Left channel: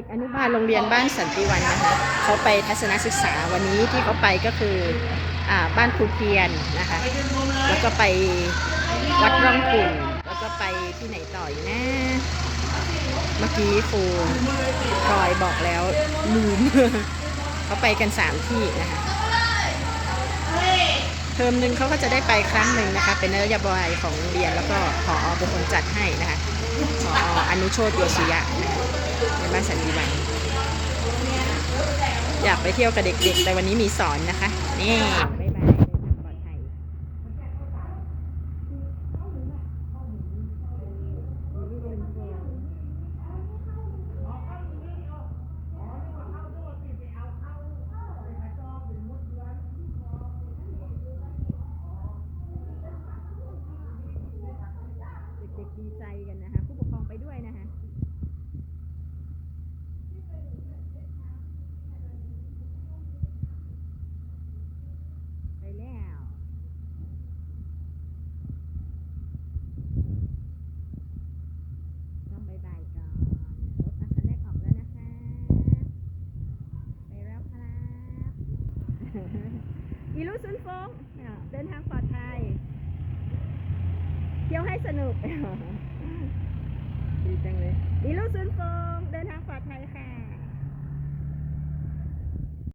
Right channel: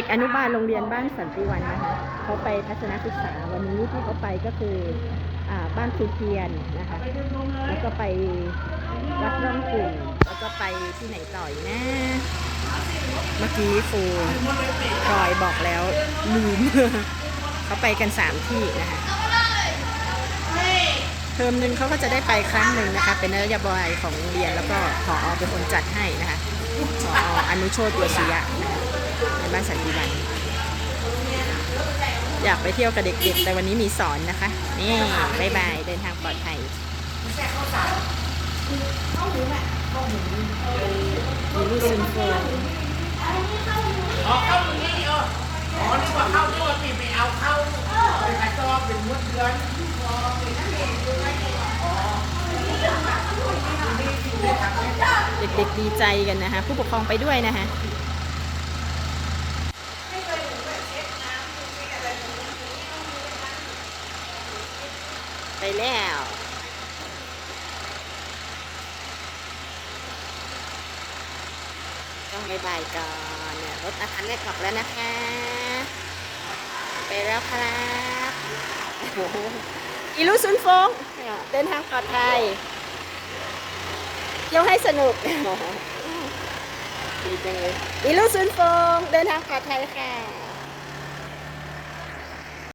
ด็กอนุบาลโรงเรียนบ้านสันติวันนะคะเขาไปทัศนศึกษาวันนี้ที่เขาไปก็คืออบ้านครูเทียนนะคะ แล้วก็ไปวัดร่องขุ่นแล้วก็ไปที่ไหนต่ออีกนะ เมื่อกี้ครูพลอยบอกแล้วลืมเขาไปกันสามที่นะคะเทอมหนึ่งเขาก็จะได้ไปครั้งหนึ่งนะคะ เป็นนโยบายของโรงเรียนแล้วก็ผอเป็นคนจัดให้นะคะผออนุโชตโยสุยะนะคะ ในบ้านสันติวัน อยากไปเที่ยวกับเด็กๆ แต่วันนี้มีสอนนะคะ นี่บ๊ายบาย เดินทางปลอดภัยซินโฟอ๋อเข้าตรงนี้เอออ๋อนึกว่าเข้านึกว่าปีไปเอาเข้าเป็นกระสอเป็นมดเดือนเด็กๆดีใจกันนะคะ ผู้ปกครองไปด้วยนะคะ ไปแล้วต้องบายบายก่อนเนี่ยรถอาคารแรกออกแล้วนะคะ ไปแล้วครับโอ้โหอีลูซุนฟงเดินทางปลอดภัยเที่ยวให้สนุกดีจังเลยอีลูซุนฟงเดินทางปลอดภัยค่ะ